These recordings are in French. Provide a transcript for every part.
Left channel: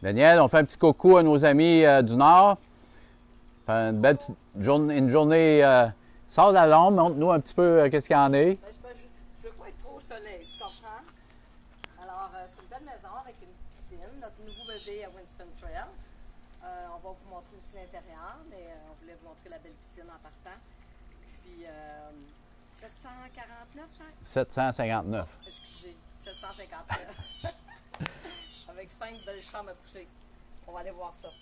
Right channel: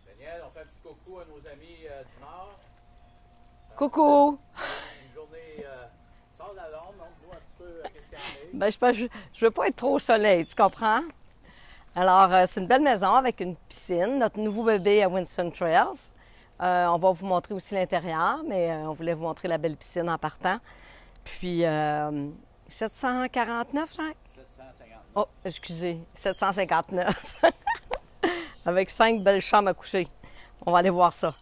Daniel, on fait un petit coucou à nos amis du Nord. Une belle Coucou! une journée. Sors de la lampe, montre-nous un petit peu qu'est-ce qu'il y en est. Ben, je veux pas être trop au soleil, tu comprends? Alors, c'est une belle maison avec une piscine, notre nouveau bébé à Winston Trails. On va vous montrer aussi l'intérieur, mais on voulait vous montrer la belle piscine en partant. Puis, 749, Jacques? 759. Oh, excusez, 759. Avec 5 belles chambres à coucher. On va aller voir ça.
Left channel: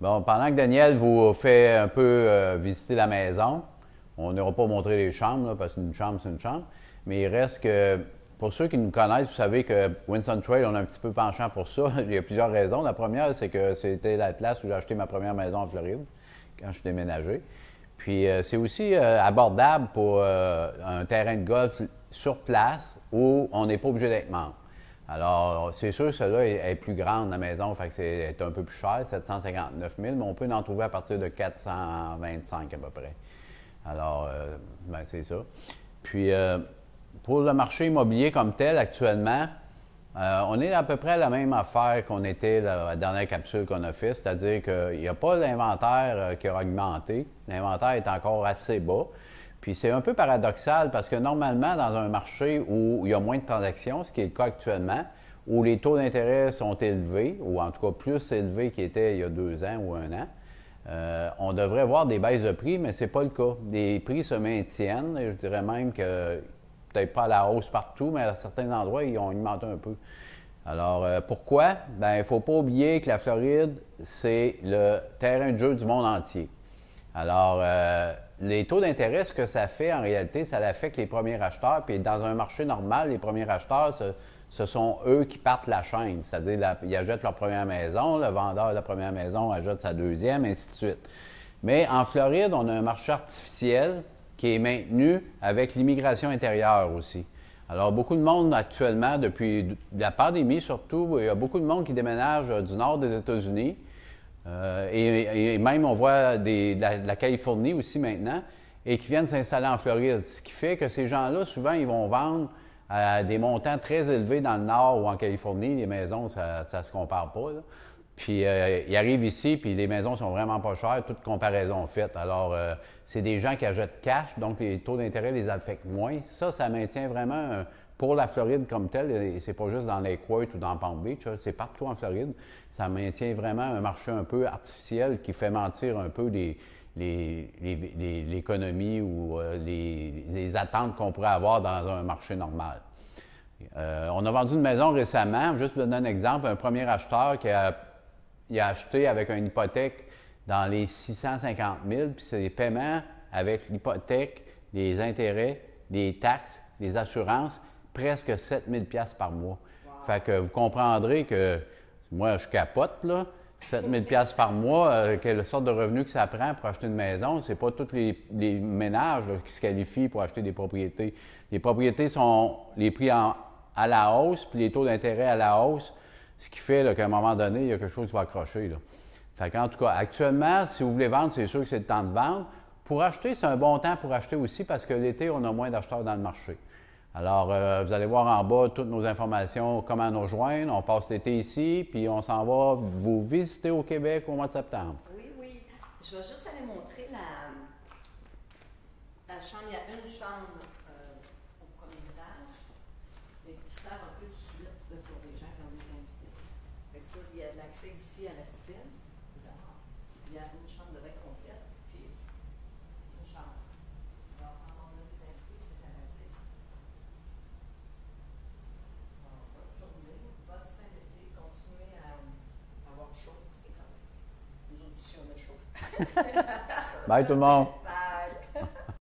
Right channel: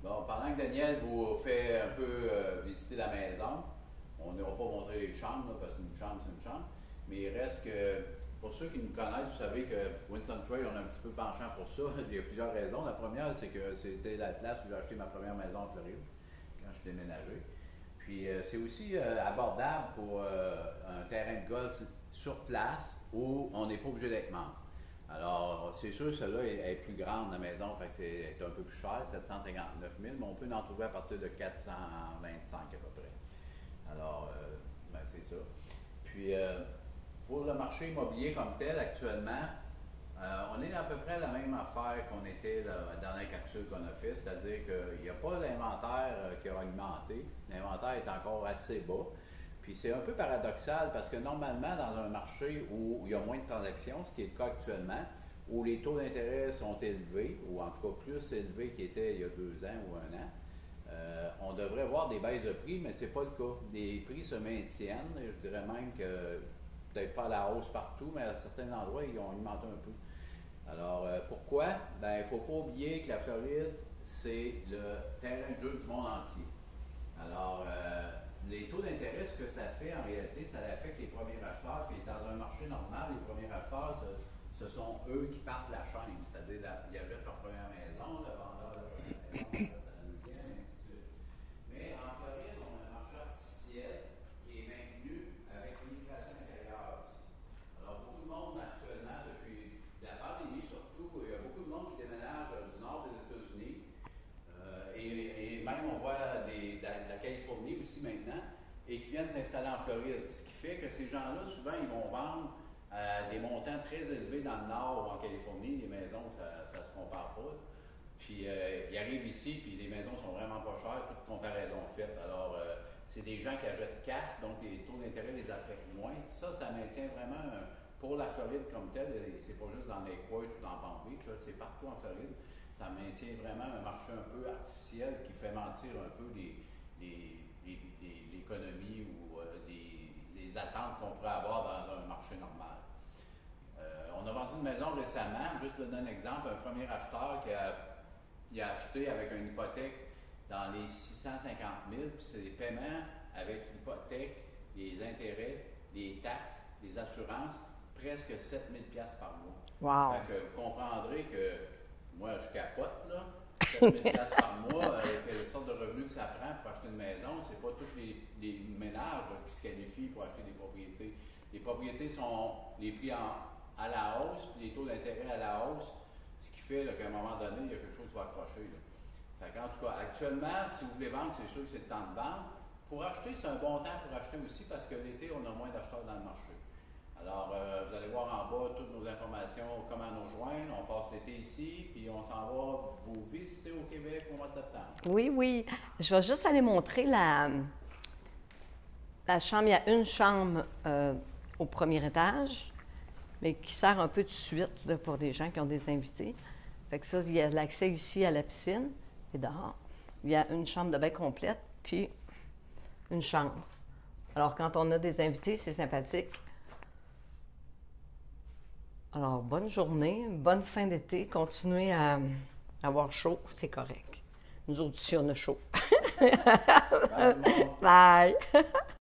Bon, pendant que Daniel vous fait un peu visiter la maison, on n'aura pas montré les chambres, là, parce qu'une chambre, c'est une chambre. Mais il reste que, pour ceux qui nous connaissent, vous savez que Winston Trail, on a un petit peu penchant pour ça. Il y a plusieurs raisons. La première, c'est que c'était la place où j'ai acheté ma première maison en Floride, quand je suis déménagé. Puis c'est aussi abordable pour un terrain de golf sur place où on n'est pas obligé d'être membre. Alors, c'est sûr, celle-là est plus grande, la maison, fait que c'est un peu plus cher, 759 000, mais on peut en trouver à partir de 425 à peu près. Alors, ben, c'est ça. Puis, pour le marché immobilier comme tel, actuellement, on est à peu près à la même affaire qu'on était la dernière capsule qu'on a faite, c'est-à-dire qu'il n'y a pas l'inventaire qui a augmenté. L'inventaire est encore assez bas. Puis c'est un peu paradoxal parce que normalement, dans un marché où il y a moins de transactions, ce qui est le cas actuellement, où les taux d'intérêt sont élevés, ou en tout cas plus élevés qu'ils étaient il y a 2 ans ou 1 an, on devrait voir des baisses de prix, mais ce n'est pas le cas. Les prix se maintiennent, et je dirais même que peut-être pas à la hausse partout, mais à certains endroits, ils ont augmenté un peu. Alors, pourquoi? Bien, il ne faut pas oublier que la Floride, c'est le terrain de jeu du monde entier. Alors, les taux d'intérêt, ce que ça fait en réalité, ça affecte les premiers acheteurs. Puis dans un marché normal, les premiers acheteurs, ce sont eux qui partent la chaîne. C'est-à-dire, ils achètent leur première maison, le vendeur de la première maison achète sa deuxième, ainsi de suite. Mais en Floride, on a un marché artificiel qui est maintenu avec l'immigration intérieure aussi. Alors, beaucoup de monde actuellement, depuis la pandémie surtout, il y a beaucoup de monde qui déménage du nord des États-Unis. Et même, on voit de la Californie aussi maintenant, et qui viennent s'installer en Floride. Ce qui fait que ces gens-là, souvent, ils vont vendre à des montants très élevés dans le nord ou en Californie. Les maisons, ça ne se compare pas, là. Puis, ils arrivent ici, puis les maisons sont vraiment pas chères, toute comparaison faite. Alors, c'est des gens qui achètent cash, donc les taux d'intérêt les affectent moins. Ça maintient vraiment, pour la Floride comme telle, et c'est pas juste dans Lake Worth ou dans Palm Beach, c'est partout en Floride. Ça maintient vraiment un marché un peu artificiel qui fait mentir un peu l'économie ou les attentes qu'on pourrait avoir dans un marché normal. On a vendu une maison récemment, juste pour donner un exemple, un premier acheteur qui a acheté avec une hypothèque dans les 650 000, puis c'est des paiements avec l'hypothèque, les intérêts, les taxes, les assurances, presque 7 000 $ par mois. Wow. Fait que vous comprendrez que moi, je capote, là. 7 000 $ par mois, quelle sorte de revenu que ça prend pour acheter une maison. C'est pas tous les ménages là, qui se qualifient pour acheter des propriétés. Les propriétés sont les prix à la hausse, puis les taux d'intérêt à la hausse, ce qui fait qu'à un moment donné, il y a quelque chose qui va accrocher, là. Fait qu'en tout cas, actuellement, si vous voulez vendre, c'est sûr que c'est le temps de vendre. Pour acheter, c'est un bon temps pour acheter aussi parce que l'été, on a moins d'acheteurs dans le marché. Alors, vous allez voir en bas toutes nos informations, comment nous rejoindre. On passe l'été ici, puis on s'en va vous visiter au Québec au mois de septembre. Oui, oui. Je vais juste aller montrer la chambre. Il y a une chambre au premier étage, mais qui sert un peu de suite là, pour des gens qui ont des invités. Fait que ça, il y a l'accès ici à la piscine et dehors. Il y a une chambre de bain complète, puis une chambre. Alors, quand on a des invités, c'est sympathique. Alors, bonne journée, bonne fin d'été. Continuez à avoir chaud, c'est correct. Nous autres, ici, on a chaud. Bye tout le monde! Bye!